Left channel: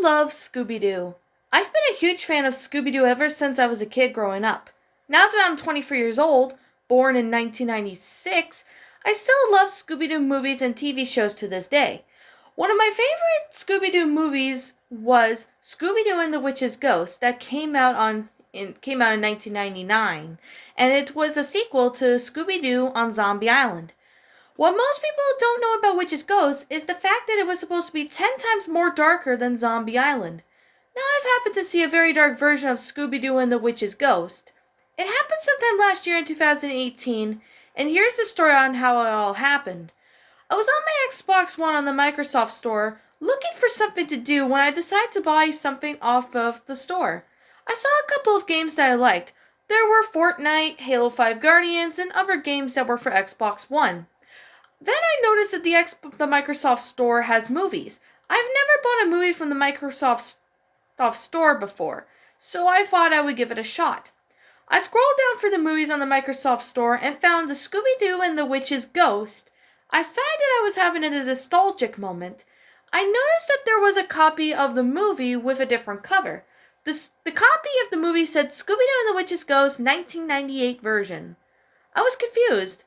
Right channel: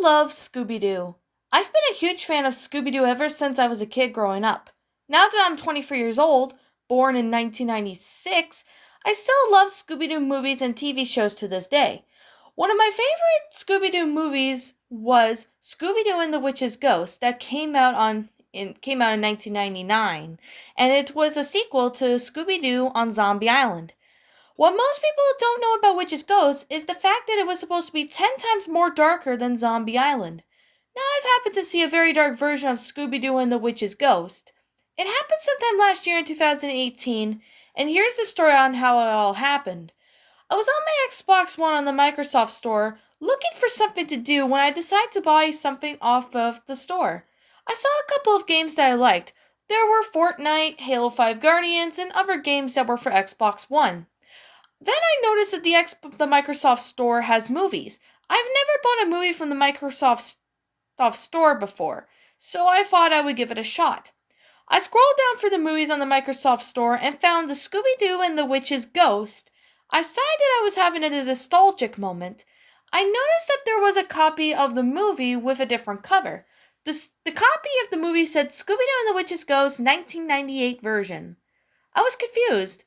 love Scooby-Doo. I've been a huge fan of Scooby-Doo ever since I was a kid growing up. Now that I'm 24 years old, born in 1996, I still love Scooby-Doo movies and TV shows to this day. One of my favorite Scooby-Doo movies was Scooby-Doo and the Witch's Ghost that came out in 1999, and it was a sequel to Scooby-Doo on Zombie Island. What most people don't know about Witch's Ghost is the fact that it was supposed to be 10 times more darker than Zombie Island. Now, I've happened to see a very dark version of Scooby-Doo and the Witch's Ghost. It happened sometime last year in 2018, and here's the story on how it all happened. I was on my Xbox One on the Microsoft Store looking for something to do when I decided to buy something off of the store. I saw a couple of games that I liked. There were Fortnite, Halo 5 Guardians, and other games that were for Xbox One. Then I noticed that the Microsoft Store has movies. I've never bought a movie from the Microsoft Store before, so I thought I would give it a shot. I scrolled down for the movies on the Microsoft Store and found the Scooby-Doo and the Witch's Ghost. I decided I was having a nostalgic moment. I noticed that there was a copy of the movie with a different cover. The copy of the movie said Scooby-Doo and the Witch's Ghost 1998 version. I was confused.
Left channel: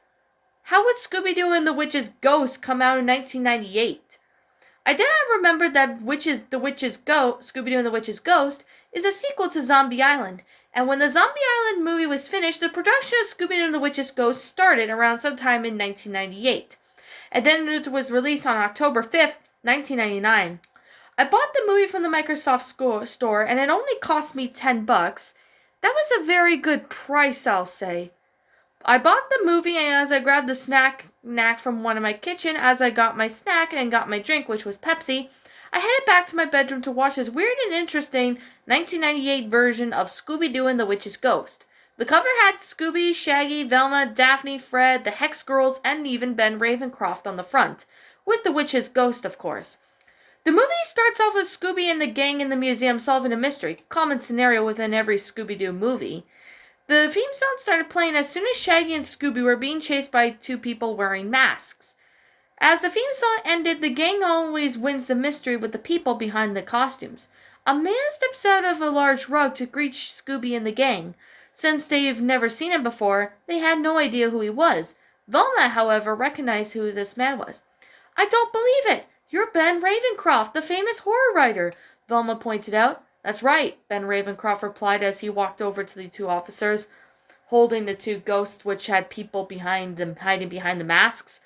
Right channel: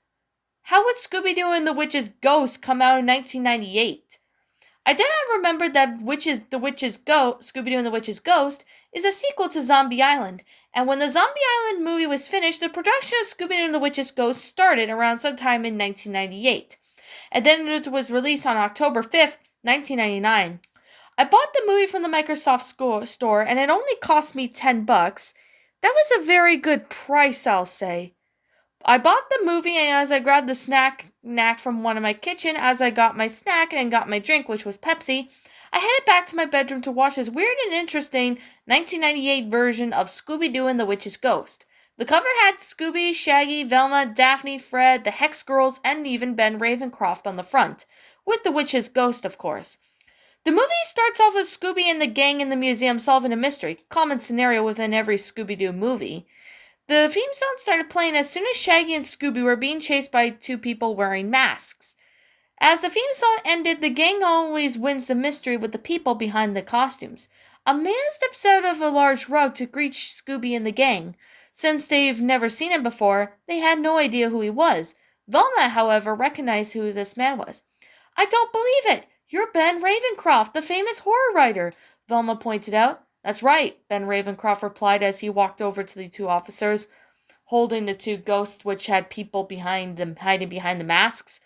How would Scooby-Doo and the Witch's Ghost come out in 1998? I then remembered that Scooby-Doo and the Witch's Ghost is a sequel to Zombie Island, and when the Zombie Island movie was finished, the production of Scooby-Doo and the Witch's Ghost started around sometime in 1998, and then it was released on October 5th, 1999. I bought the movie from the Microsoft store, and it only cost me $10. That was a very good price, I'll say. I bought the movie, and as I grabbed the snack from one of my kitchen, as I got my snack and got my drink, which was Pepsi, I headed back to my bedroom to watch this weird and interesting 1998 version of Scooby-Doo and the Witch's Ghost. The cover had Scooby, Shaggy, Velma, Daphne, Fred, the Hex Girls, and even Ben Ravencroft on the front, with the Witch's Ghost, of course. The movie starts off with Scooby and the gang in the museum solving a mystery, common scenario within every Scooby-Doo movie. The theme song started playing as soon as Shaggy and Scooby were being chased by two people wearing masks. As the theme song ended, the gang always wins the mystery with the people behind the costumes. A man steps out of a large rug to greet Scooby and the gang. Since they've never seen him before, they had no idea who he was. Velma, however, recognized who this man was. "I don't believe it! You're Ben Ravencroft, the famous horror writer," Velma pointed out. "That's right," Ben Ravencroft replied as he walked over to the two officers, holding the two ghosts which had people behind them hiding behind the masks.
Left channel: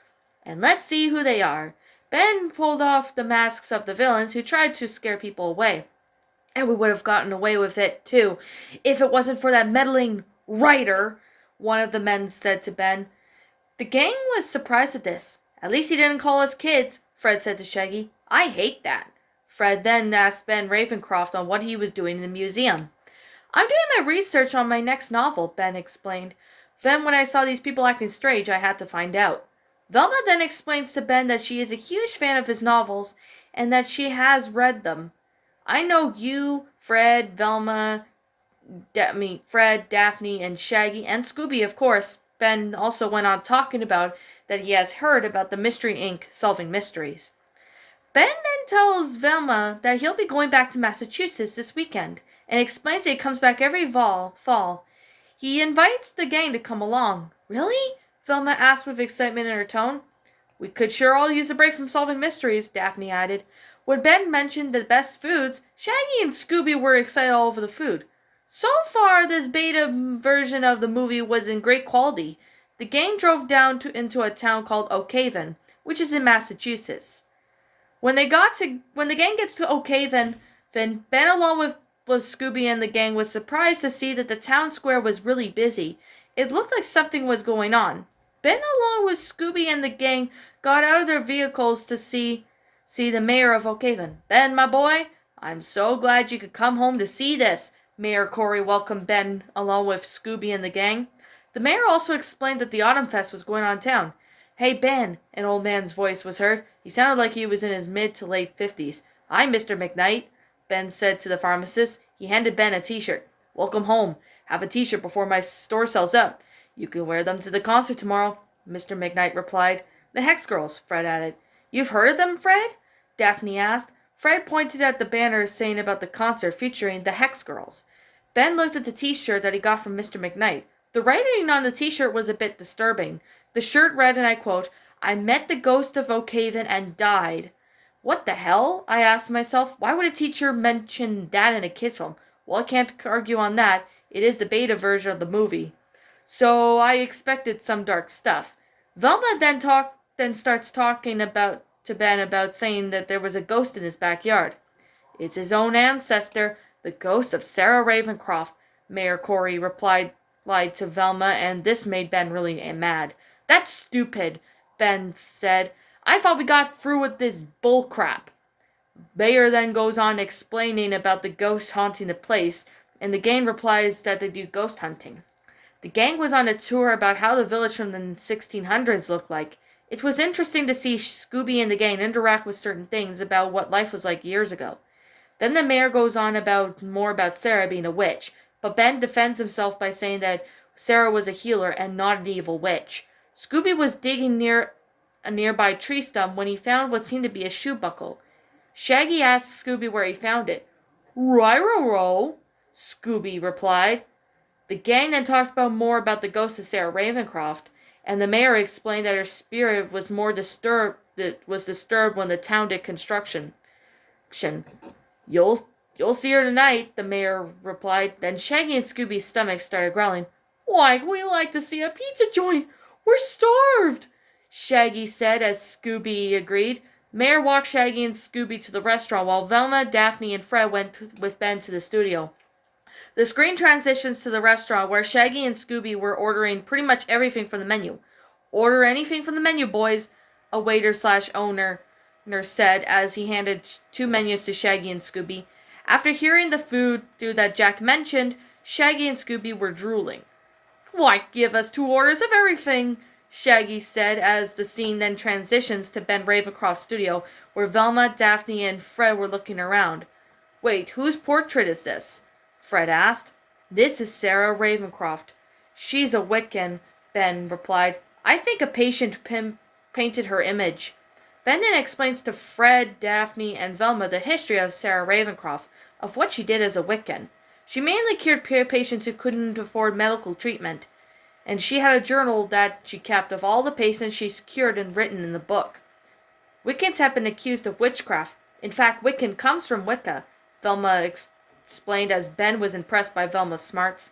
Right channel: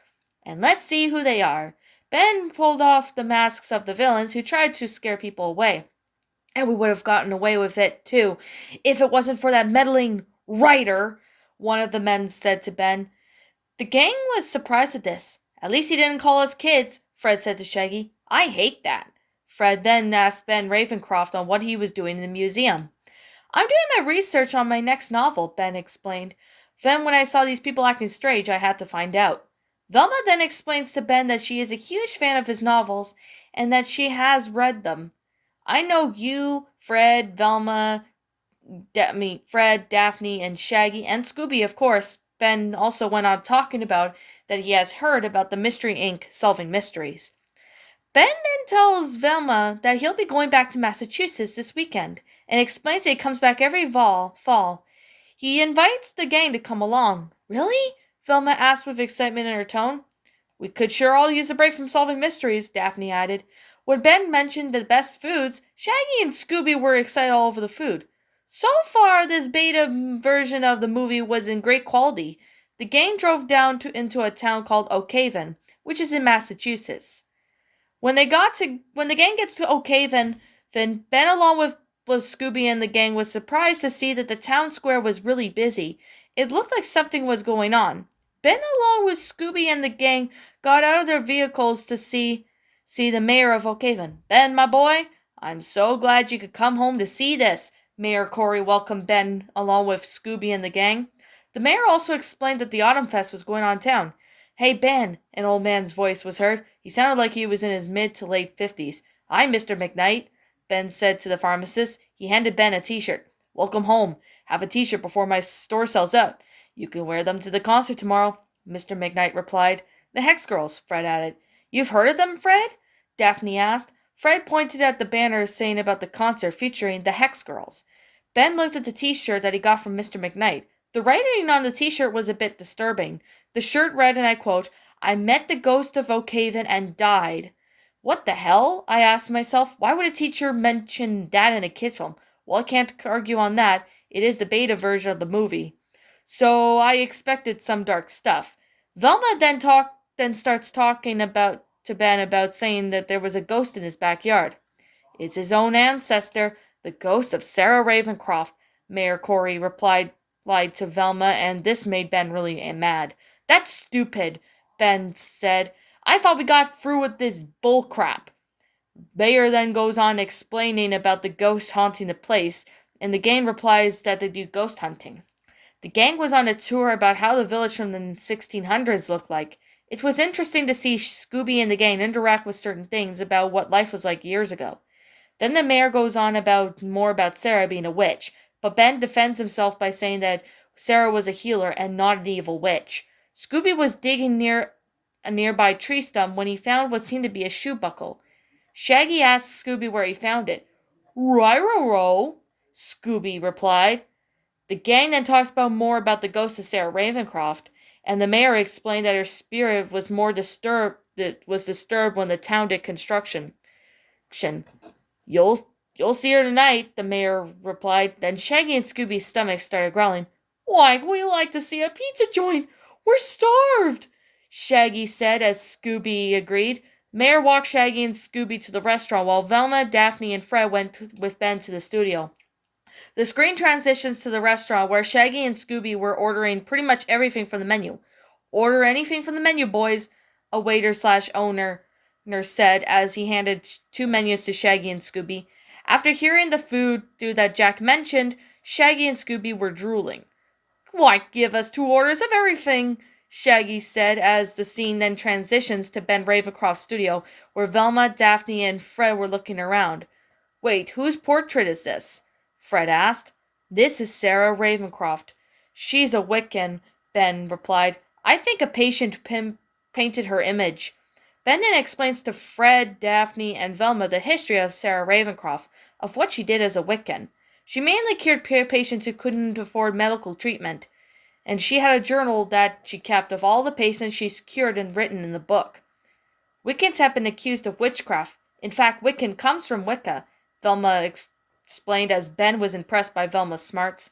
"And let's see who they are." Ben pulled off the masks of the villains who tried to scare people away. "And we would have gotten away with it, too, if it wasn't for that meddling writer," one of the men said to Ben. The gang was surprised at this. "At least he didn't call us kids," Fred said to Shaggy. "I hate that." Fred then asked Ben Ravencroft on what he was doing in the museum. "I'm doing my research on my next novel," Ben explained. "Then when I saw these people acting strange, I had to find out." Velma then explains to Ben that she is a huge fan of his novels and that she has read them. "I know you, Fred, Fred, Daphne, and Shaggy, and Scooby, of course." Ben also went on talking about that he has heard about the Mystery Inc. solving mysteries. Ben then tells Velma that he'll be going back to Massachusetts this weekend, and explains that he comes back every fall. He invites the gang to come along. "Really?" Velma asked with excitement in her tone. "We could sure all use a break from solving mysteries," Daphne added. When Ben mentioned the best foods, Shaggy and Scooby were excited all over the food. So far, this beta version of the movie was in great quality. The gang drove down into a town called Oak Haven, which is in Massachusetts. When the gang gets to Oak Haven, Ben, along with Scooby and the gang, was surprised to see that the town square was really busy. It looked like something was going on. Ben, along with Scooby and the gang, got out of their vehicles to see the mayor of Oak Haven. "Ben, my boy, I'm so glad you could come home to see this." Mayor Corey welcomed Ben along with Scooby and the gang. The mayor also explained that the Autumn Fest was going on in town. "Hey, Ben," an old man's voice was heard. He sounded like he was in his mid to late 50s. "I'm Mr. McKnight," Ben said to the pharmacist. He handed Ben a t-shirt. "Welcome home. Have a t-shirt before my store sells out. You can wear them to the concert tomorrow," Mr. McKnight replied. "The Hex Girls," Fred added. "You've heard of them, Fred?" Daphne asked. Fred pointed at the banner saying about the concert featuring the Hex Girls. Ben looked at the t-shirt that he got from Mr. McKnight. The writing on the t-shirt was a bit disturbing. The shirt read, and I quote, "I met the ghost of Oakhaven and died." What the hell? I asked myself. Why would a teacher mention that in a kid's film? Well, I can't argue on that. It is the beta version of the movie. So I expected some dark stuff. Velma then starts talking about to Ben about saying that there was a ghost in his backyard. It's his own ancestor, the ghost of Sarah Ravencroft, Mayor Corey lied to Velma, and this made Ben really mad. That's stupid, Ben said. I thought we got through with this bullcrap. Mayor then goes on explaining about the ghost haunting the place, and the gang replies that they do ghost hunting. The gang was on a tour about how the village from the 1600s looked like. It was interesting to see Scooby and the gang interact with certain things about what life was like years ago. Then the mayor goes on about more about Sarah being a witch, but Ben defends himself by saying that Sarah was a healer and not an evil witch. Scooby was digging near a nearby tree stump when he found what seemed to be a shoe buckle. Shaggy asked Scooby where he found it. "Riro," Scooby replied. The gang then talks about more about the ghost of Sarah Ravencroft, and the mayor explained that her spirit was disturbed when the town did construction. You'll see her tonight, the mayor replied. Then Shaggy and Scooby's stomachs started growling. "Why, we like to see a pizza joint. We're starved," Shaggy said as Scooby agreed. Mayor walked Shaggy and Scooby to the restaurant while Velma, Daphne, and Fred went with Ben to the studio. The screen transitions to the restaurant where Shaggy and Scooby were ordering pretty much everything from the menu. "Order anything from the menu, boys," a waiter/owner said as he handed two menus to Shaggy and Scooby. After hearing the food that Jack mentioned, Shaggy and Scooby were drooling. "Why, give us 2 orders of everything," Shaggy said as the scene then transitions to Ben Ravencroft's studio, where Velma, Daphne, and Fred were looking around. "Wait, whose portrait is this?" Fred asked. "This is Sarah Ravencroft. She's a Wiccan," Ben replied. "I think a patient painted her image." Ben then explains to Fred, Daphne, and Velma the history of Sarah Ravencroft, of what she did as a Wiccan. She mainly cured patients who couldn't afford medical treatment, and she had a journal that she kept of all the patients she's cured and written in the book. Wiccans have been accused of witchcraft. In fact, Wiccan comes from Wicca, Velma explained as Ben was impressed by Velma's smarts.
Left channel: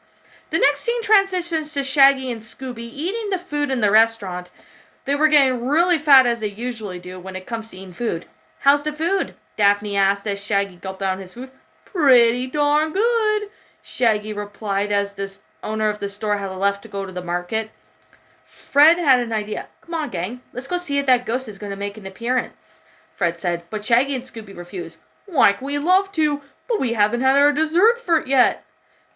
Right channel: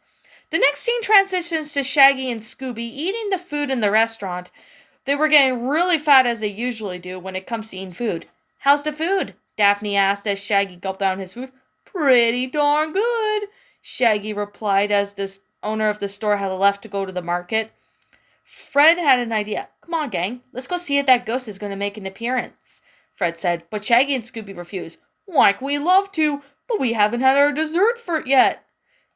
The next scene transitions to Shaggy and Scooby eating the food in the restaurant. They were getting really fat as they usually do when it comes to eating food. "How's the food?" Daphne asked as Shaggy gulped down his food. "Pretty darn good," Shaggy replied as the owner of the store had left to go to the market. Fred had an idea. "Come on, gang, let's go see if that ghost is going to make an appearance," Fred said, but Shaggy and Scooby refused. "Like, we love to, but we haven't had our dessert for it yet,"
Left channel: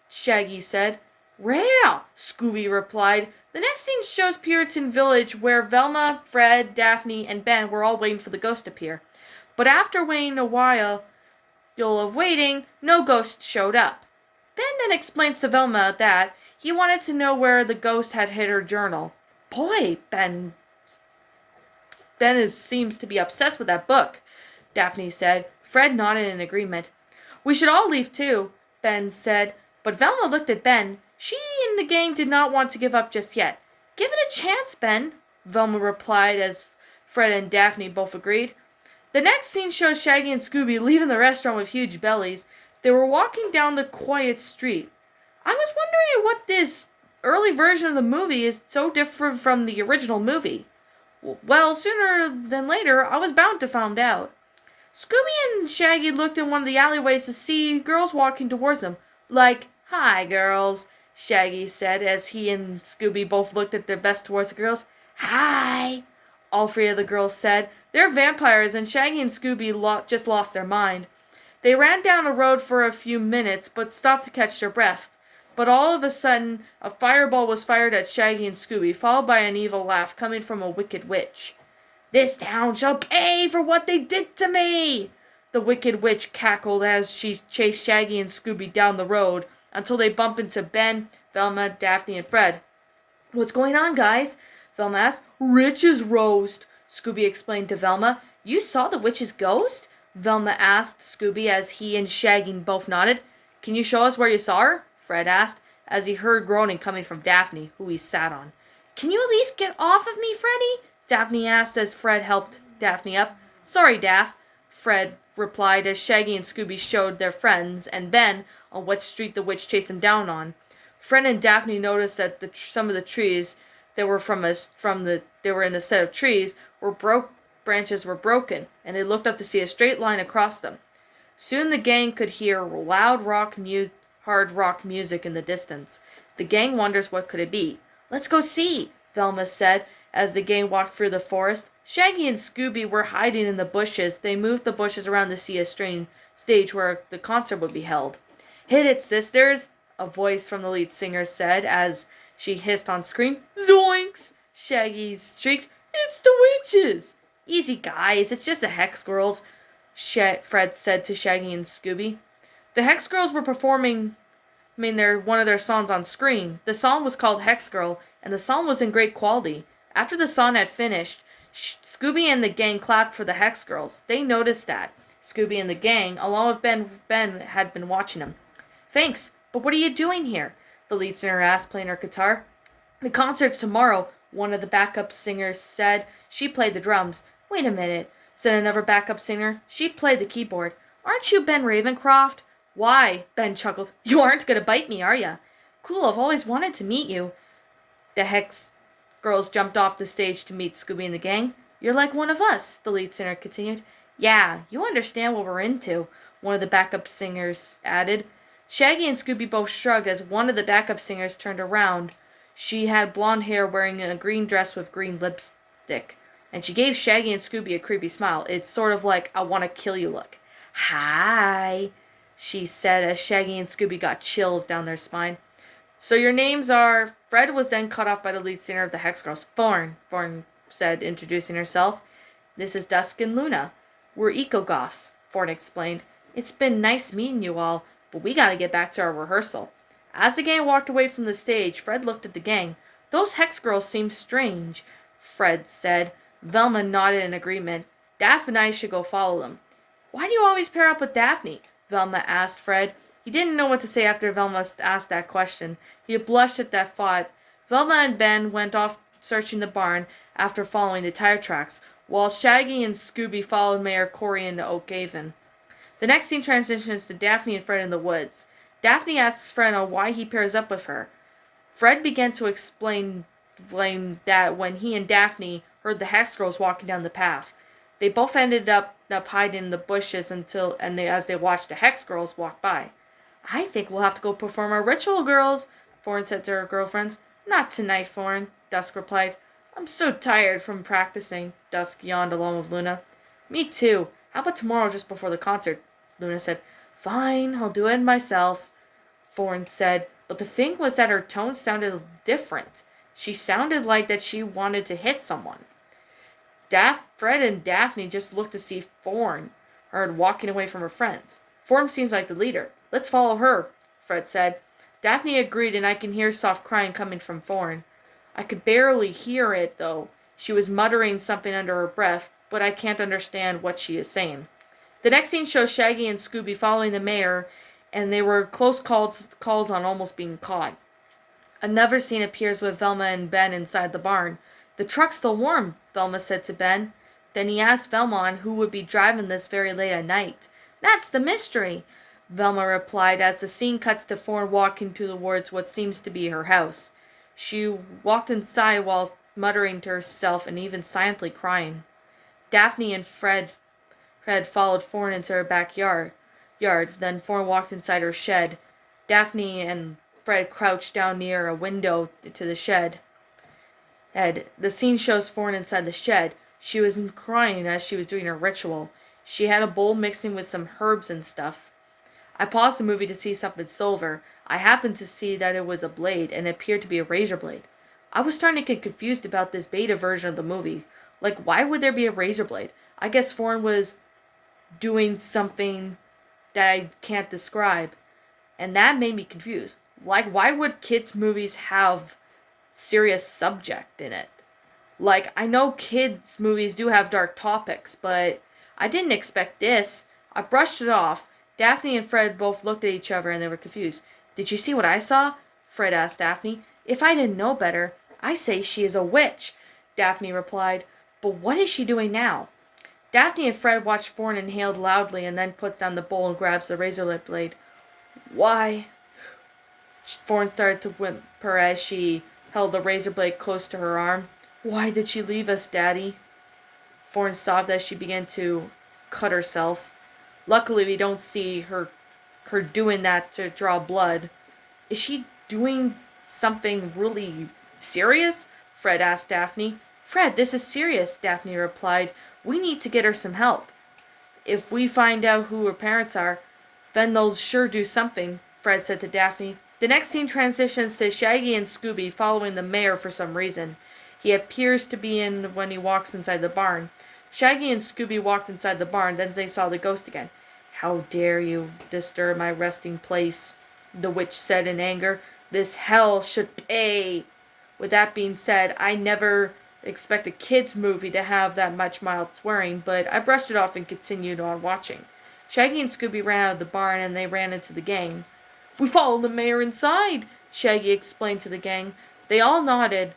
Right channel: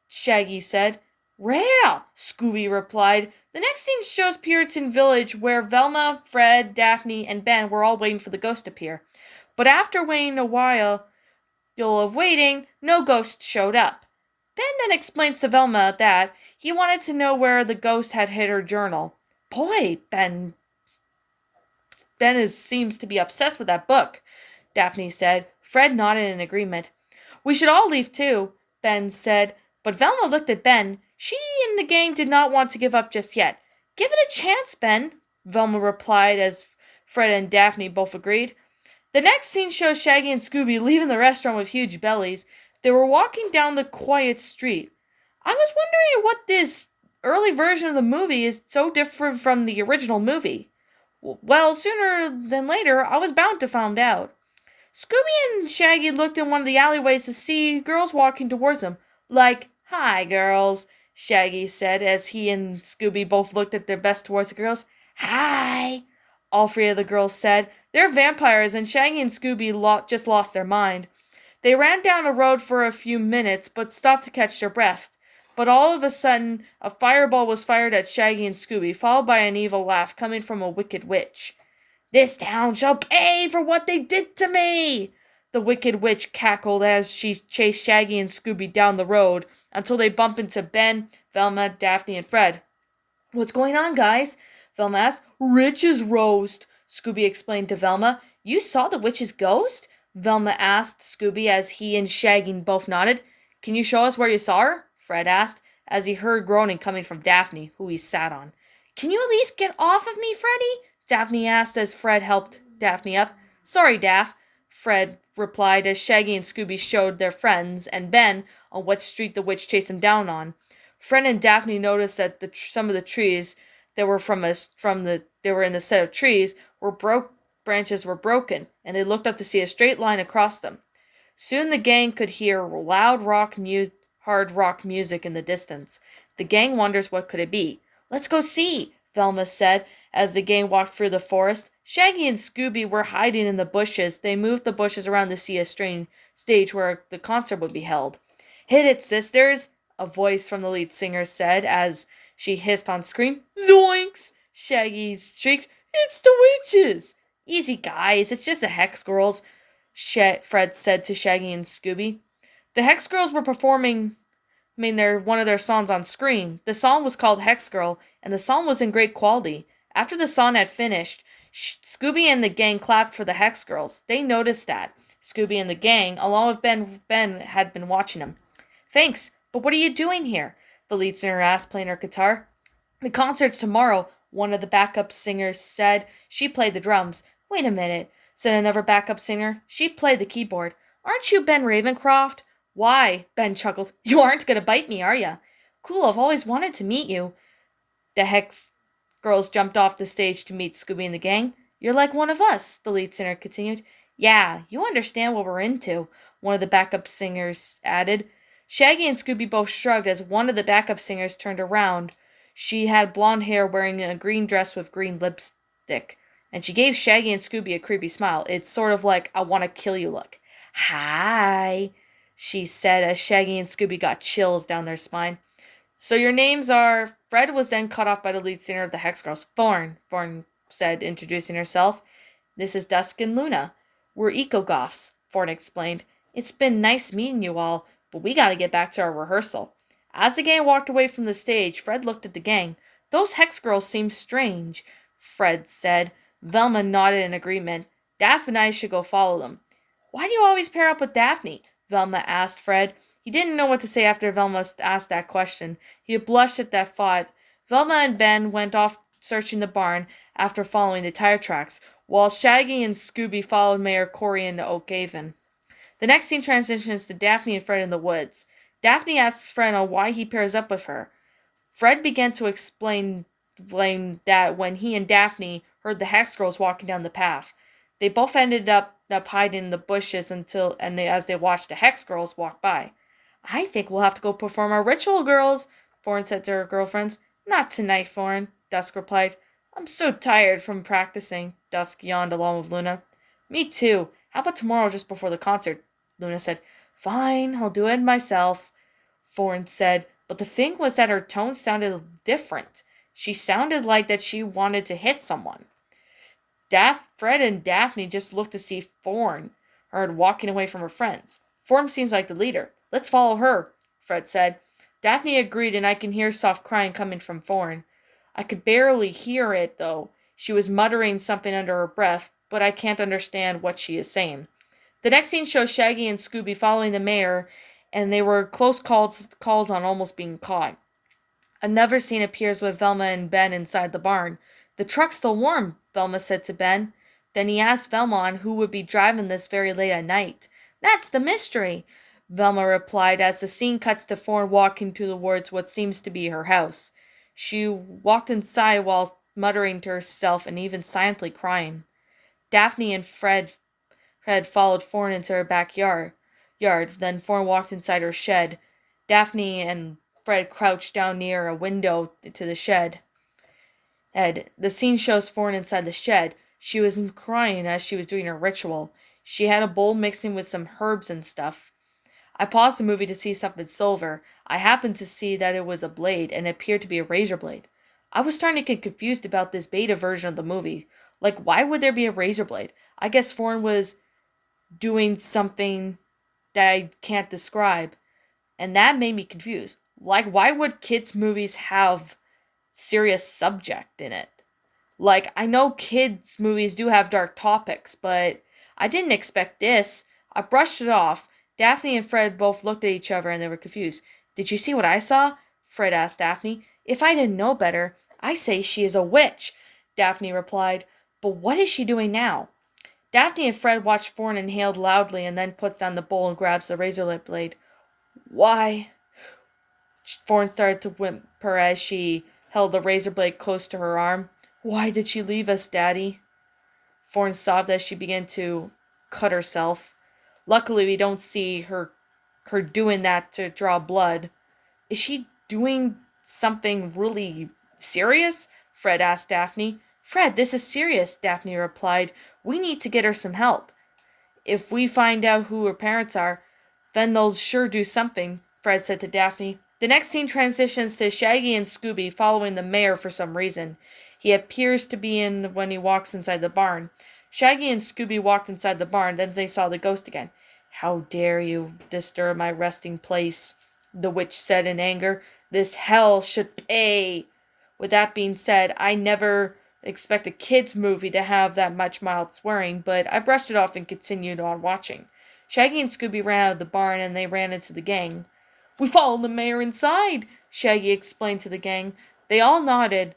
Shaggy said. "Rare," Scooby replied. The next scene shows Puritan Village, where Velma, Fred, Daphne, and Ben were all waiting for the ghost to appear. But after waiting a while of waiting, no ghost showed up. Ben then explains to Velma that he wanted to know where the ghost had hid her journal. "Boy, Ben seems to be obsessed with that book," Daphne said. Fred nodded in agreement. "We should all leave too," Ben said. But Velma looked at Ben. She and the gang did not want to give up just yet. "Give it a chance, Ben," Velma replied as Fred and Daphne both agreed. The next scene shows Shaggy and Scooby leaving the restaurant with huge bellies. They were walking down the quiet street. I was wondering what this early version of the movie is so different from the original movie. Well, sooner than later, I was bound to find out. Scooby and Shaggy looked in one of the alleyways to see girls walking towards them. Like, "Hi, girls," Shaggy said as he and Scooby both looked at their best towards the girls. "Hi," all 3 of the girls said. "They're vampires, and Shaggy and Scooby just lost their mind." They ran down a road for a few minutes, but stopped to catch their breath. But all of a sudden, a fireball was fired at Shaggy and Scooby, followed by an evil laugh coming from a wicked witch. "This town shall pay for what they did to me!" The wicked witch cackled as she chased Shaggy and Scooby down the road until they bumped into Ben, Velma, Daphne, and Fred. "What's going on, guys?" Velma asked. "Rich's roast," Scooby explained to Velma. "You saw the witch's ghost?" Velma asked Scooby as he and Shaggy both nodded. Can you show us where you saw her? Fred asked, as he heard groaning coming from Daphne, who he sat on. Can you at least get off of me, Freddy? Daphne asked as Fred helped Daphne up. Sorry, Daph, Fred replied as Shaggy and Scooby showed their friends and Ben on what street the witch chased him down on. Fred and Daphne noticed that some of the trees that were they were in the set of trees were branches were broken, and they looked up to see a straight line across them. Soon the gang could hear hard rock music in the distance. The gang wonders what could it be. Let's go see, Velma said as the gang walked through the forest. Shaggy and Scooby were hiding in the bushes. They moved the bushes around to see a stage where the concert would be held. Hit it, sisters, a voice from the lead singer said as she hissed on screen. Zoinks! Shaggy shrieked. It's the witches! Easy, guys. It's just the Hex Girls, Fred said to Shaggy and Scooby. The Hex Girls were performing one of their songs on screen. The song was called Hex Girl, and the song was in great quality. After the song had finished, Scooby and the gang clapped for the Hex Girls. They noticed that. Scooby and the gang, along with Ben had been watching them. Thanks, but what are you doing here? The lead singer asked, playing her guitar. The concert's tomorrow, one of the backup singers said. She played the drums. Wait a minute, said another backup singer. She played the keyboard. Aren't you Ben Ravencroft? Why? Ben chuckled. You aren't going to bite me, are you? Cool, I've always wanted to meet you. The Hex Girls jumped off the stage to meet Scooby and the gang. You're like one of us, the lead singer continued. Yeah, you understand what we're into, one of the backup singers added. Shaggy and Scooby both shrugged as one of the backup singers turned around. She had blonde hair wearing a green dress with green lipstick, and she gave Shaggy and Scooby a creepy smile. It's sort of like I want to kill you look. Hi, she said as Shaggy and Scooby got chills down their spine. So your names are... Fred was then cut off by the lead singer of the Hex Girls. Thorn said, introducing herself. This is Dusk and Luna. We're eco-goths, Thorn explained. It's been nice meeting you all, but we gotta get back to our rehearsal. As the gang walked away from the stage, Fred looked at the gang. Those Hex Girls seem strange, Fred said. Velma nodded in agreement. Daphne and I should go follow them. Why do you always pair up with Daphne? Velma asked Fred. He didn't know what to say after Velma asked that question. He blushed at that thought. Velma and Ben went off searching the barn after following the tire tracks, while Shaggy and Scooby followed Mayor Corey into Oak Haven. The next scene transitions to Daphne and Fred in the woods. Daphne asks Fred on why he pairs up with her. Fred began to explain that when he and Daphne heard the Hex Girls walking down the path, they both ended up hiding in the bushes as they watched the Hex Girls walk by. I think we'll have to go perform our ritual, girls, Thorn said to her girlfriends. Not tonight, Thorn, Dusk replied. I'm so tired from practicing, Dusk yawned along with Luna. Me too. How about tomorrow just before the concert? Luna said. Fine, I'll do it myself, Thorn said, but the thing was that her tone sounded different. She sounded like that she wanted to hit someone. Fred and Daphne just looked to see Thorn walking away from her friends. Thorn seems like the leader. Let's follow her, Fred said. Daphne agreed, and I can hear soft crying coming from Thorn. I could barely hear it, though. She was muttering something under her breath, but I can't understand what she is saying. The next scene shows Shaggy and Scooby following the mayor, and they were close calls on almost being caught. Another scene appears with Velma and Ben inside the barn. The truck's still warm, Velma said to Ben. Then he asked Velma on who would be driving this very late at night. That's the mystery, Velma replied as the scene cuts to Thorn walking towards what seems to be her house. She walked inside while muttering to herself and even silently crying. Daphne and Fred followed Thorn into her backyard. Then Thorn walked inside her shed. Daphne and Fred crouched down near a window to the shed. The scene shows Thorn inside the shed. She was crying as she was doing her ritual. She had a bowl mixing with some herbs and stuff. I paused the movie to see something silver. I happened to see that it was a blade, and it appeared to be a razor blade. I was starting to get confused about this beta version of the movie. Like, why would there be a razor blade? I guess Thorn was doing something that I can't describe, and that made me confused. Like, why would kids' movies have serious subject in it? Like, I know kids' movies do have dark topics, but I didn't expect this. I brushed it off. Daphne and Fred both looked at each other and they were confused. Did you see what I saw? Fred asked Daphne. If I didn't know better, I say she is a witch, Daphne replied. But what is she doing now? Daphne and Fred watched Fawn inhaled loudly and then puts down the bowl and grabs the razor blade. Why? Fawn started to whimper as she held the razor blade close to her arm. Why did she leave us, Daddy? Fawn sobbed as she began to cut herself. Luckily, we don't see her doing that to draw blood. Is she doing something really serious? Fred asked Daphne. Fred, this is serious, Daphne replied. We need to get her some help. If we find out who her parents are, then they'll sure do something, Fred said to Daphne. The next scene transitions to Shaggy and Scooby following the mayor for some reason. He appears to be in when he walks inside the barn. Shaggy and Scooby walked inside the barn, then they saw the ghost again. How dare you disturb my resting place, the witch said in anger. This hell should pay. With that being said, I never expect a kids movie to have that much mild swearing, but I brushed it off and continued on watching. Shaggy and Scooby ran out of the barn and they ran into the gang. We followed the mayor inside, Shaggy explained to the gang. They all nodded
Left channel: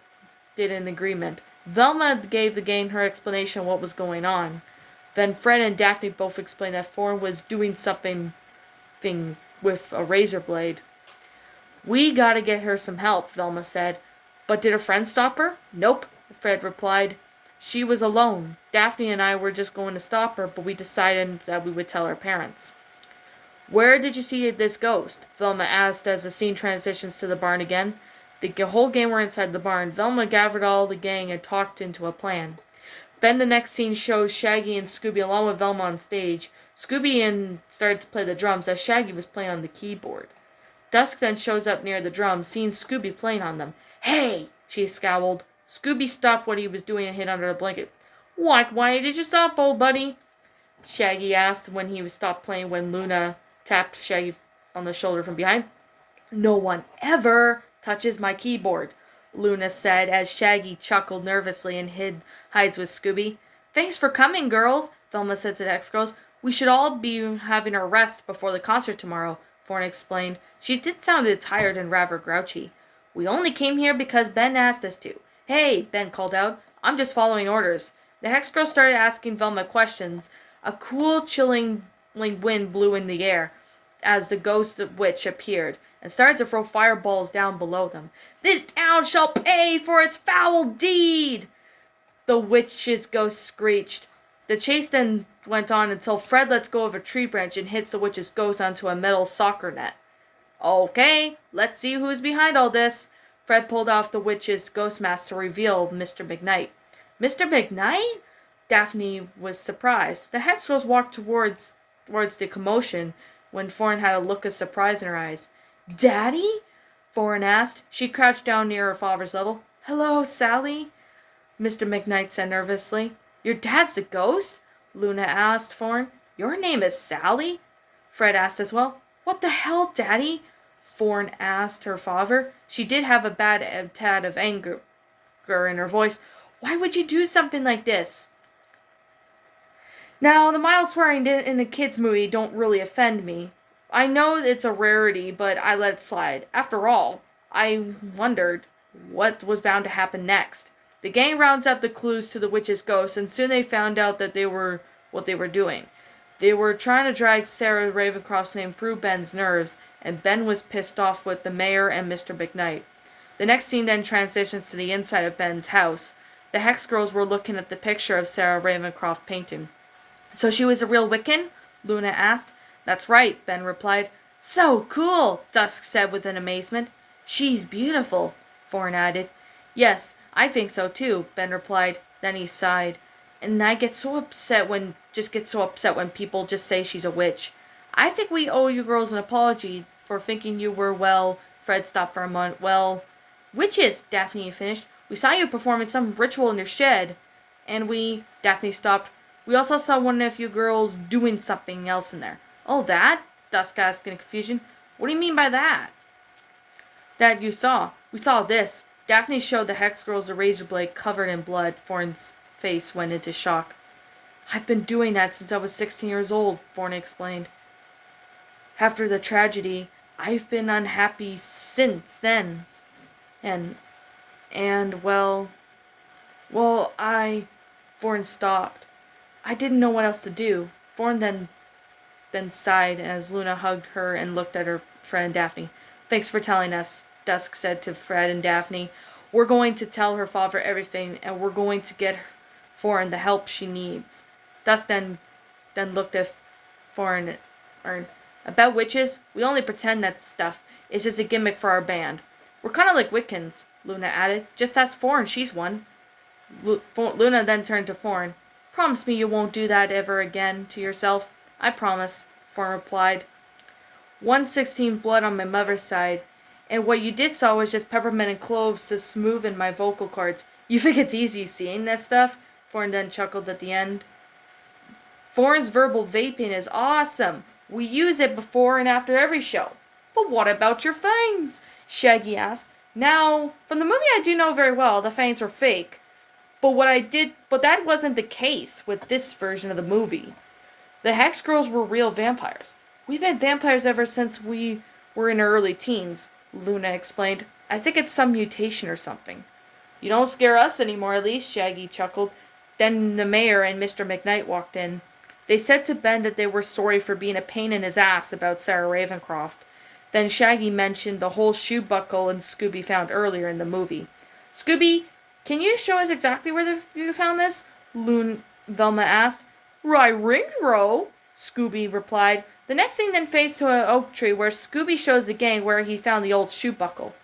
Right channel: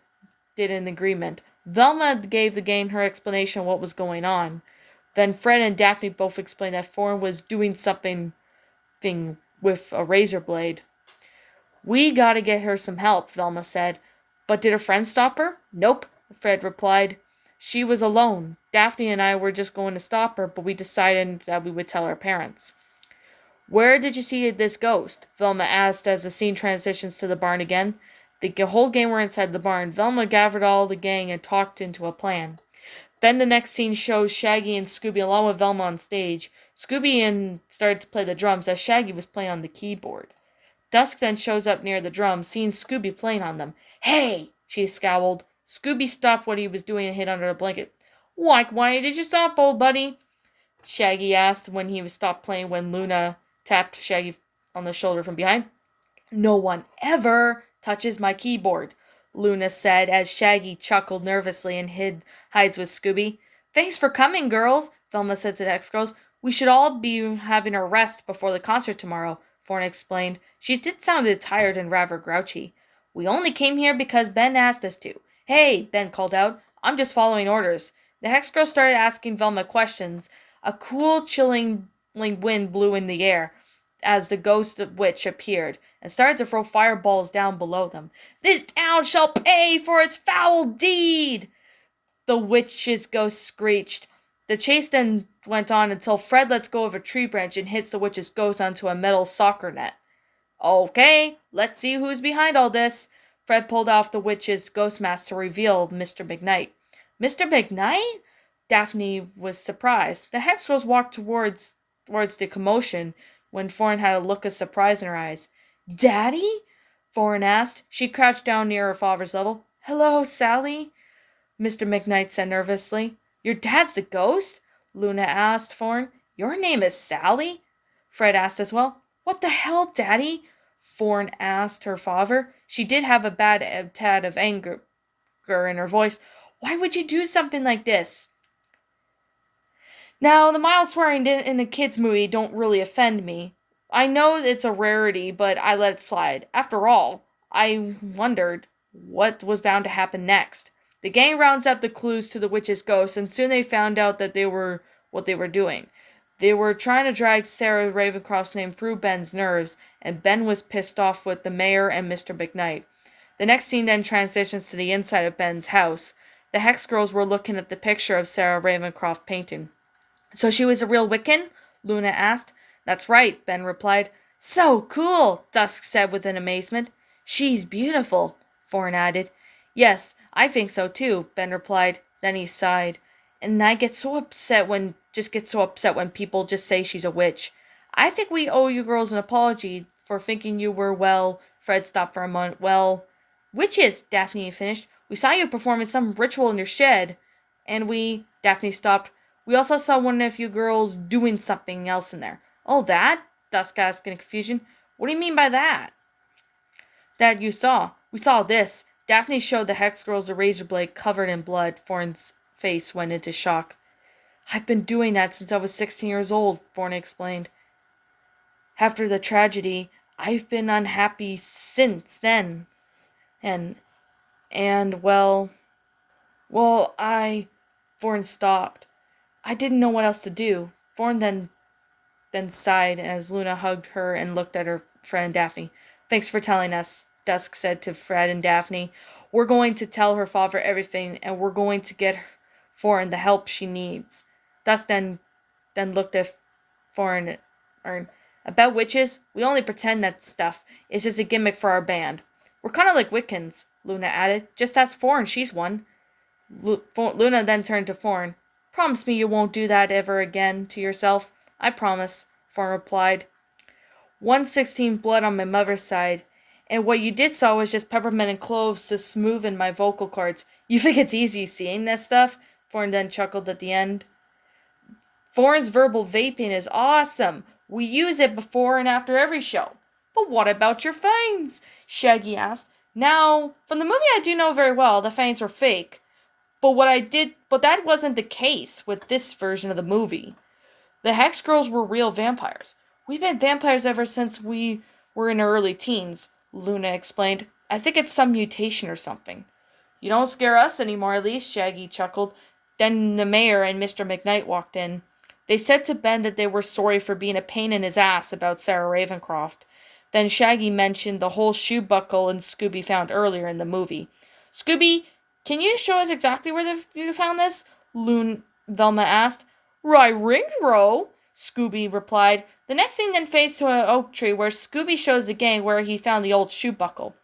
in agreement. Velma gave the gang her explanation of what was going on. Then Fred and Daphne both explained that Fawn was doing something with a razor blade. We gotta get her some help, Velma said. But did her friend stop her? Nope, Fred replied. She was alone. Daphne and I were just going to stop her, but we decided that we would tell her parents. Where did you see this ghost? Velma asked as the scene transitions to the barn again. The whole gang were inside the barn. Velma gathered all the gang and talked into a plan. Then the next scene shows Shaggy and Scooby along with Velma on stage. Scooby started to play the drums as Shaggy was playing on the keyboard. Dusk then shows up near the drums, seeing Scooby playing on them. Hey! She scowled. Scooby stopped what he was doing and hid under a blanket. Why did you stop, old buddy? Shaggy asked when he stopped playing when Luna tapped Shaggy on the shoulder from behind. No one ever touches my keyboard, Luna said as Shaggy chuckled nervously and hides with Scooby. Thanks for coming, girls, Velma said to the ex-girls. We should all be having a rest before the concert tomorrow, Fawn explained. She did sound tired and rather grouchy. We only came here because Ben asked us to. Hey, Ben called out. I'm just following orders. The Hex Girl started asking Velma questions. A cool, chilling wind blew in the air as the ghost witch appeared and started to throw fireballs down below them. This town shall pay for its foul deed! The witch's ghost screeched. The chase then went on until Fred lets go of a tree branch and hits the witch's ghost onto a metal soccer net. Okay, let's see who's behind all this. Fred pulled off the witch's ghost mask to reveal Mr. McKnight. Mr. McKnight? Daphne was surprised. The Hex Girls walked towards the commotion when Fawn had a look of surprise in her eyes. Daddy? Fawn asked. She crouched down near her father's level. Hello, Sally? Mr. McKnight said nervously. Your dad's the ghost? Luna asked Fawn. Your name is Sally? Fred asked as well. What the hell, Daddy? Fawn asked her father. She did have a bad tad of anger in her voice. Why would you do something like this? Now, the mild swearing in a kid's movie don't really offend me. I know it's a rarity, but I let it slide. After all, I wondered what was bound to happen next. The gang rounds up the clues to the witch's ghost, and soon they found out that what they were doing. They were trying to drag Sarah Ravencroft's name through Ben's nerves, and Ben was pissed off with the mayor and Mr. McKnight. The next scene then transitions to the inside of Ben's house. The Hex Girls were looking at the picture of Sarah Ravencroft painting. So she was a real Wiccan? Luna asked. That's right, Ben replied. So cool, Dusk said with an amazement. She's beautiful, Fawn added. Yes, I think so too, Ben replied. Then he sighed. And I get so upset when people just say she's a witch. I think we owe you girls an apology for thinking you were, well, Fred stopped for a moment. Well, witches, Daphne finished. We saw you performing some ritual in your shed. And Daphne stopped. We also saw one of you girls doing something else in there. Oh, that? Dusk asked in confusion. What do you mean by that? That you saw. We saw this. Daphne showed the Hex Girls a razor blade covered in blood. Fawn's face went into shock. I've been doing that since I was 16 years old, Thorn explained. After the tragedy, I've been unhappy since then. And, and, Thorn stopped. I didn't know what else to do. Thorn then sighed as Luna hugged her and looked at her friend and Daphne. Thanks for telling us, Dusk said to Fred and Daphne. We're going to tell her father everything, and we're going to get Thorn the help she needs. Dusk then looked at Thorn. About witches, we only pretend that stuff. It's just a gimmick for our band. We're kind of like Wiccans, Luna added. Just ask Thorn, she's one. Luna then turned to Thorn. Promise me you won't do that ever again to yourself. I promise, Thorn replied. 116 blood on my mother's side, and what you did saw was just peppermint and cloves to smoothen my vocal cords. You think it's easy seeing that stuff? Thorn then chuckled at the end. Thorn's verbal vaping is awesome. We use it before and after every show. But what about your fangs? Shaggy asked. Now, from the movie I do know very well, the fangs were fake. But that wasn't the case with this version of the movie. The Hex Girls were real vampires. We've been vampires ever since we were in our early teens, Luna explained. I think it's some mutation or something. You don't scare us anymore, at least, Shaggy chuckled. Then the mayor and Mr. McKnight walked in. They said to Ben that they were sorry for being a pain in his ass about Sarah Ravencroft. Then Shaggy mentioned the whole shoe buckle and Scooby found earlier in the movie. Scooby, can you show us exactly where you found this? Velma asked. Right, Ringrow, Scooby replied. The next scene then fades to an oak tree where Scooby shows the gang where he found the old shoe buckle.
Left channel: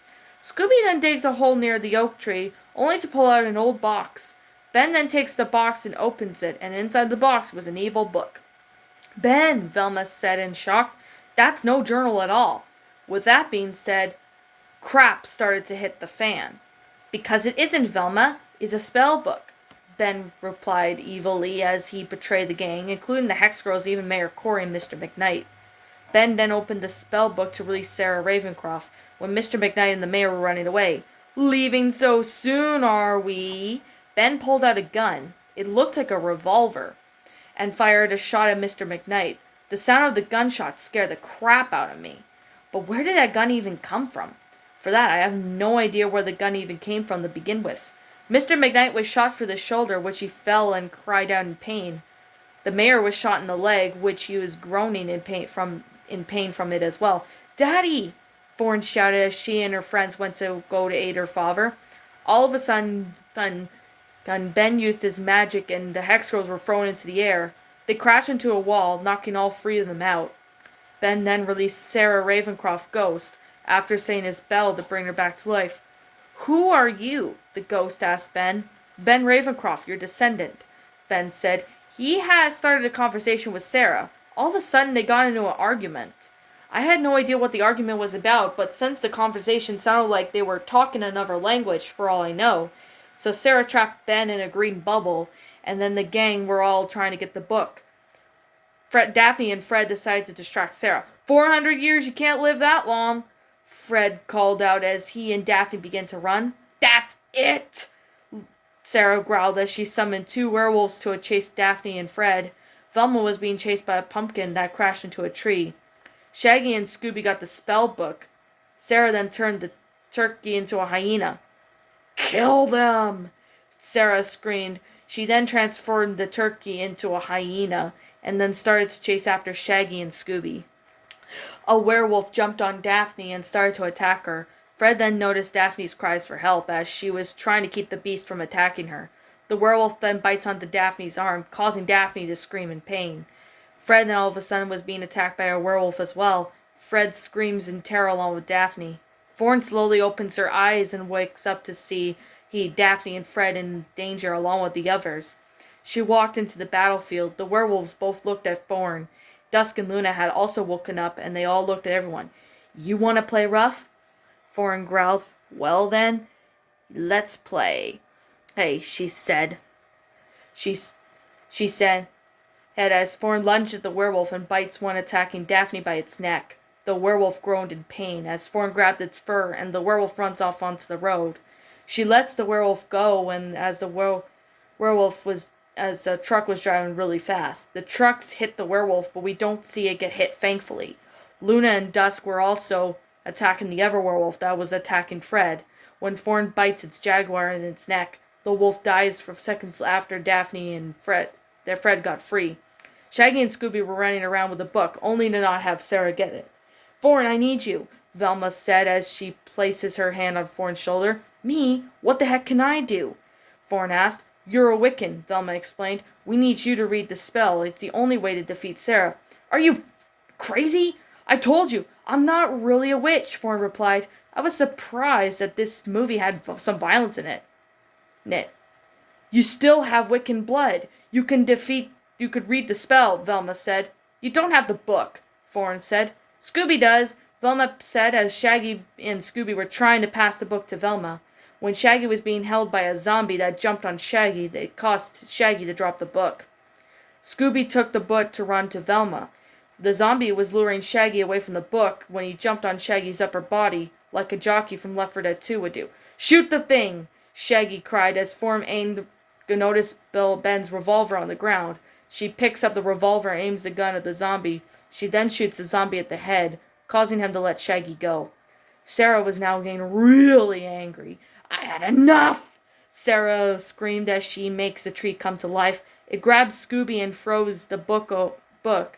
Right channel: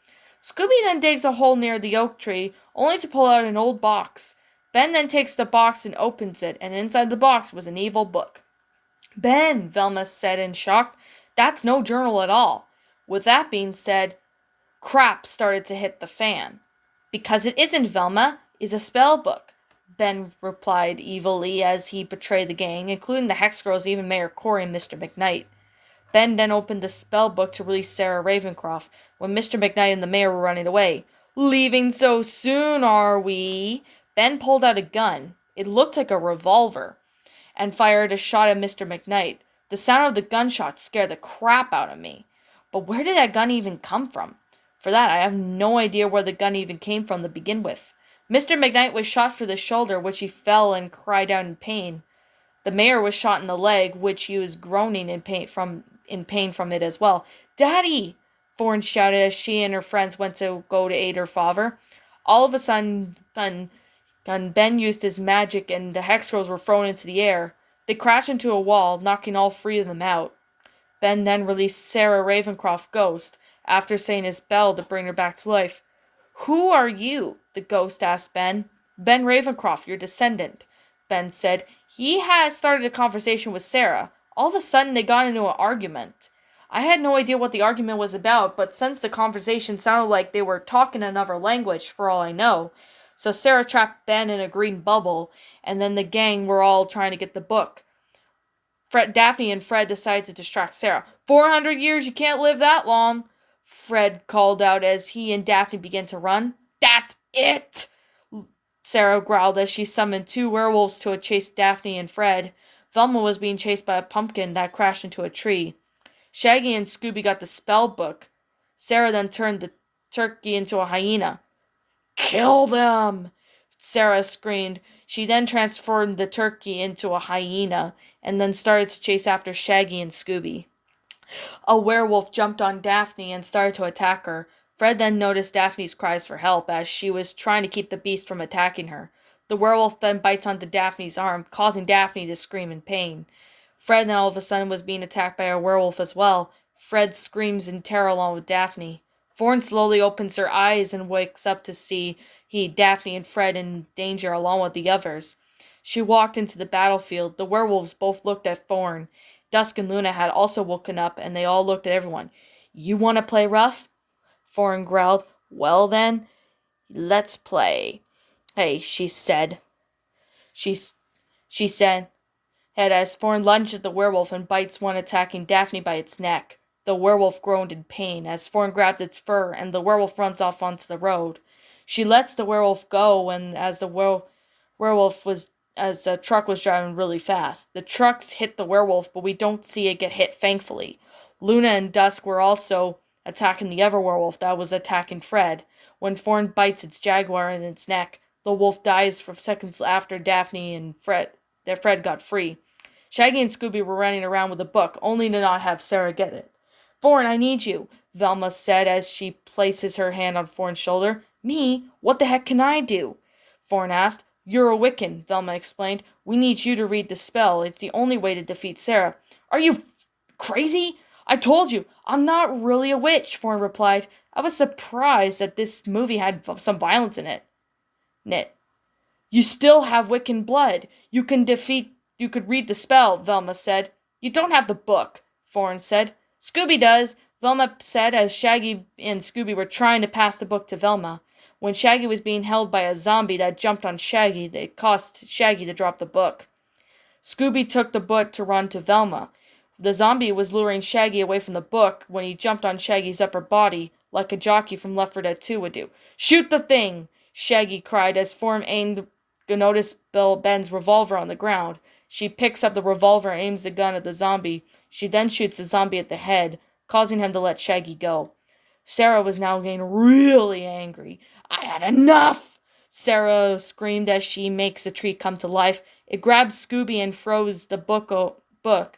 Scooby then digs a hole near the oak tree, only to pull out an old box. Ben then takes the box and opens it, and inside the box was an evil book. Ben, Velma said in shock, that's no journal at all. With that being said, crap started to hit the fan. Because it isn't, Velma, it's a spell book, Ben replied evilly as he betrayed the gang, including the Hex Girls, even Mayor Corey and Mr. McKnight. Ben then opened the spell book to release Sarah Ravencroft when Mr. McKnight and the mayor were running away. Leaving so soon, are we? Ben pulled out a gun. It looked like a revolver, and fired a shot at Mr. McKnight. The sound of the gunshot scared the crap out of me. But where did that gun even come from? For that, I have no idea where the gun even came from to begin with. Mr. McKnight was shot through the shoulder, which he fell and cried out in pain. The mayor was shot in the leg, which he was groaning in pain from it as well. Daddy! Thorn shouted as she and her friends went to go to aid her father. All of a sudden, Ben used his magic and the Hex Girls were thrown into the air. They crashed into a wall, knocking all three of them out. Ben then released Sarah Ravencroft Ghost, after saying his spell to bring her back to life. Who are you? The ghost asked Ben. Ben Ravencroft, your descendant, Ben said. He had started a conversation with Sarah. All of a sudden, they got into an argument. I had no idea what the argument was about, but since the conversation sounded like they were talking another language, for all I know. So Sarah trapped Ben in a green bubble, and then the gang were all trying to get the book. Daphne and Fred decided to distract Sarah. 400 years, you can't live that long, Fred called out as he and Daphne began to run. That's it! Sarah growled as she summoned two werewolves to chase Daphne and Fred. Velma was being chased by a pumpkin that crashed into a tree. Shaggy and Scooby got the spell book. Sarah then turned the turkey into a hyena. Kill them! Sarah screamed. She then transformed the turkey into a hyena and then started to chase after Shaggy and Scooby. A werewolf jumped on Daphne and started to attack her. Fred then noticed Daphne's cries for help as she was trying to keep the beast from attacking her. The werewolf then bites onto Daphne's arm, causing Daphne to scream in pain. Fred then all of a sudden was being attacked by a werewolf as well. Fred screams in terror along with Daphne. Thorn slowly opens her eyes and wakes up to see Daphne and Fred in danger along with the others. She walked into the battlefield. The werewolves both looked at Thorn. Dusk and Luna had also woken up, and they all looked at everyone. You want to play rough? Thorn growled. Well then, let's play. Hey, she said. She said, and as Thorn lunged at the werewolf and bites one attacking Daphne by its neck. The werewolf groaned in pain as Thorn grabbed its fur, and the werewolf runs off onto the road. She lets the werewolf go, and as the werewolf was as a truck was driving really fast. The trucks hit the werewolf, but we don't see it get hit, thankfully. Luna and Dusk were also attacking the other werewolf that was attacking Fred. When Thorn bites its jaguar in its neck, the wolf dies for seconds after Daphne and Fred got free. Shaggy and Scooby were running around with a book, only to not have Sarah get it. Thorn, I need you, Velma said as she places her hand on Thorn's shoulder. Me? What the heck can I do? Thorn asked. You're a Wiccan, Velma explained. We need you to read the spell. It's the only way to defeat Sarah. Are you crazy? I told you, I'm not really a witch, Thorn replied. I was surprised that this movie had some violence in it. You still have Wiccan blood. You could read the spell, Velma said. You don't have the book, Thorn said. Scooby does, Velma said as Shaggy and Scooby were trying to pass the book to Velma. When Shaggy was being held by a zombie that jumped on Shaggy, it caused Shaggy to drop the book. Scooby took the book to run to Velma. The zombie was luring Shaggy away from the book when he jumped on Shaggy's upper body, like a jockey from Left 4 Dead 2 would do. Shoot the thing! Shaggy cried as Form aimed noticed Ben's revolver on the ground. She picks up the revolver and aims the gun at the zombie. She then shoots the zombie at the head, causing him to let Shaggy go. Sarah was now getting really angry. I had enough! Sarah screamed as she makes the tree come to life. It grabs Scooby and throws the book,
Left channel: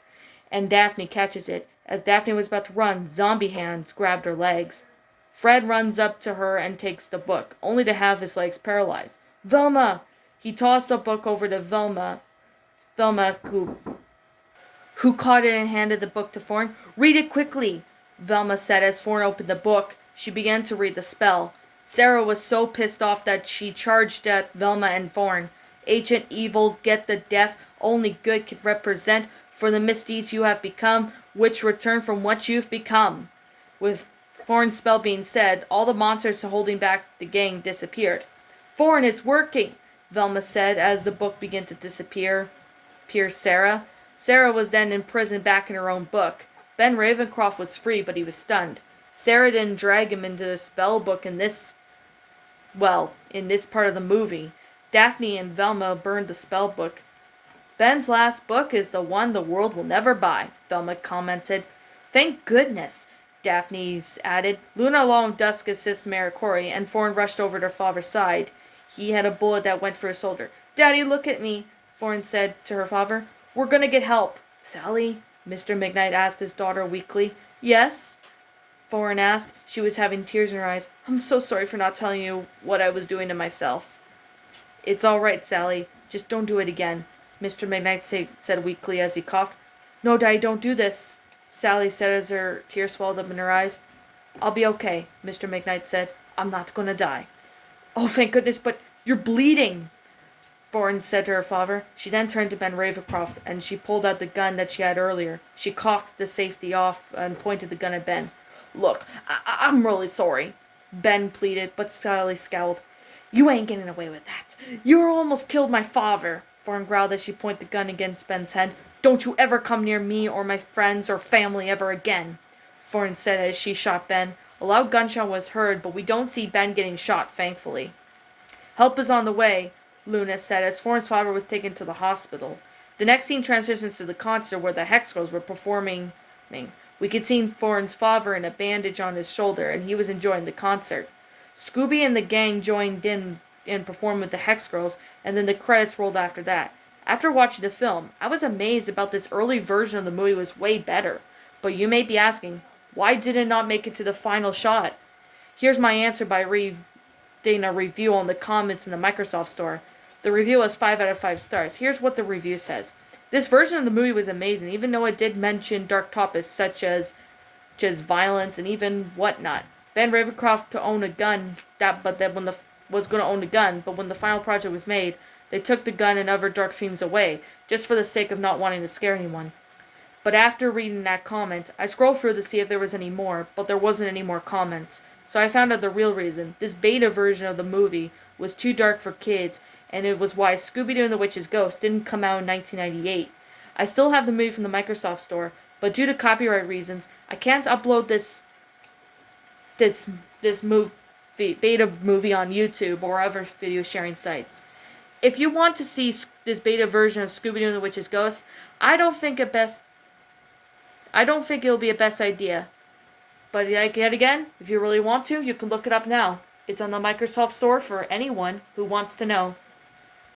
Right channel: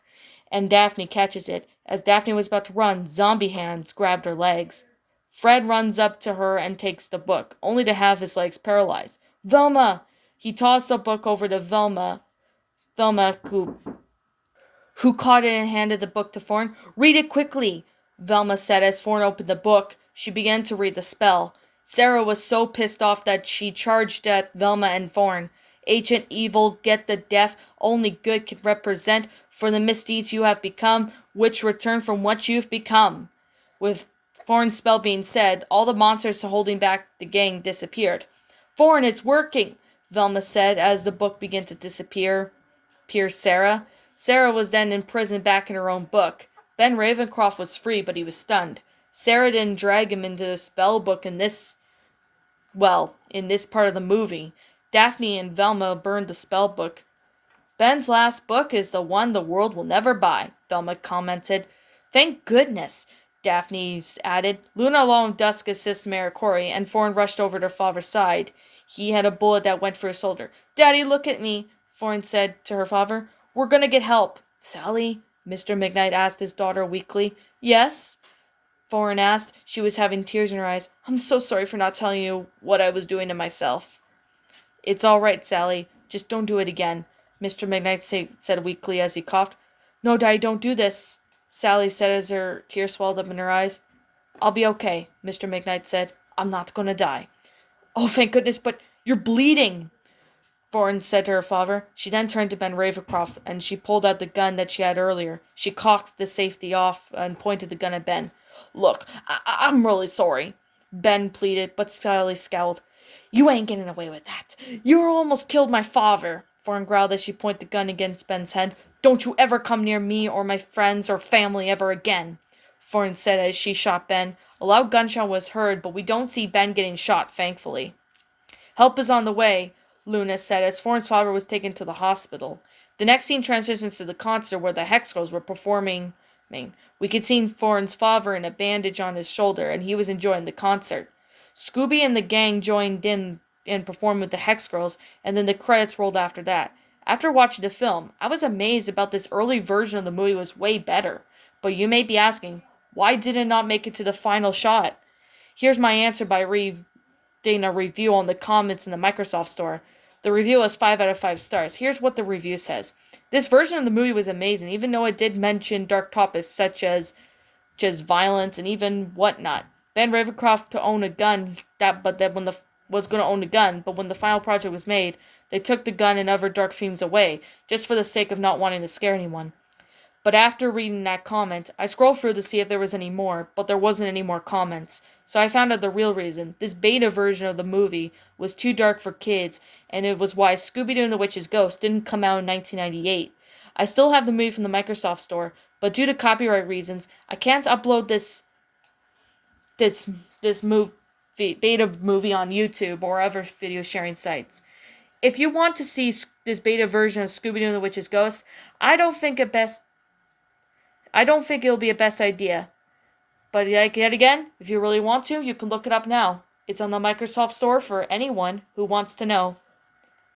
and Daphne catches it. As Daphne was about to run, zombie hands grabbed her legs. Fred runs up to her and takes the book, only to have his legs paralyzed. Velma! He tossed the book over to Velma, who caught it and handed the book to Thorn. Read it quickly, Velma said as Thorn opened the book. She began to read the spell. Sarah was so pissed off that she charged at Velma and Thorn. Ancient evil, get the deaf, only good can represent for the misdeeds you have become, which return from what you've become. With Thorn's spell being said, all the monsters holding back the gang disappeared. Thorn, it's working, Velma said as the book began to disappear. Sarah was then imprisoned back in her own book. Ben Ravencroft was free, but he was stunned. Sarah didn't drag him into the spell book in this part of the movie. Daphne and Velma burned the spell book. Ben's last book is the one the world will never buy, Velma commented. Thank goodness, Daphne added. Luna along with Dusk assist Maricori, and Thorn rushed over to her father's side. He had a bullet that went through his shoulder. Daddy, look at me, Thorn said to her father. We're gonna get help. Sally? Mr. McKnight asked his daughter weakly. Yes? Thorn asked. She was having tears in her eyes. I'm so sorry for not telling you what I was doing to myself. It's all right, Sally. Just don't do it again, Mr. McKnight said weakly as he coughed. No, Daddy, don't do this, Sally said as her tears swelled up in her eyes. I'll be okay, Mr. McKnight said. I'm not gonna die. Oh, thank goodness, but you're bleeding, Thorn said to her father. She then turned to Ben Ravencroft, and she pulled out the gun that she had earlier. She cocked the safety off and pointed the gun at Ben. Look, I'm really sorry, Ben pleaded, but Sally scowled. You ain't getting away with that. You almost killed my father, Thorn growled as she pointed the gun against Ben's head. Don't you ever come near me or my friends or family ever again, Thorn said as she shot Ben. A loud gunshot was heard, but we don't see Ben getting shot, thankfully. Help is on the way, Luna said as Thorn's father was taken to the hospital. The next scene transitions to the concert where the Hex Girls were performing. We could see Thorn's father in a bandage on his shoulder, and he was enjoying the concert. Scooby and the gang joined in and performed with the Hex Girls, and then the credits rolled after that. After watching the film, I was amazed about this early version of the movie was way better. But you may be asking, why did it not make it to the final shot? Here's my answer by reading a review on the comments in the Microsoft Store. The review was 5 out of 5 stars. Here's what the review says. This version of the movie was amazing, even though it did mention dark topics such as violence and even whatnot. Ben Ravencroft to own a gun, was going to own a gun, but when the final project was made, they took the gun and other dark themes away, just for the sake of not wanting to scare anyone. But after reading that comment, I scrolled through to see if there was any more, but there wasn't any more comments. So I found out the real reason. This beta version of the movie was too dark for kids, and it was why Scooby-Doo and the Witch's Ghost didn't come out in 1998. I still have the movie from the Microsoft Store, but due to copyright reasons, I can't upload this beta movie on YouTube or other video sharing sites. if you want to see this beta version of Scooby-Doo and the Witch's Ghost, I don't think it best. I don't think it'll be a best idea. But like yet again, if you really want to, you can look it up now. It's on the Microsoft Store for anyone who wants to know.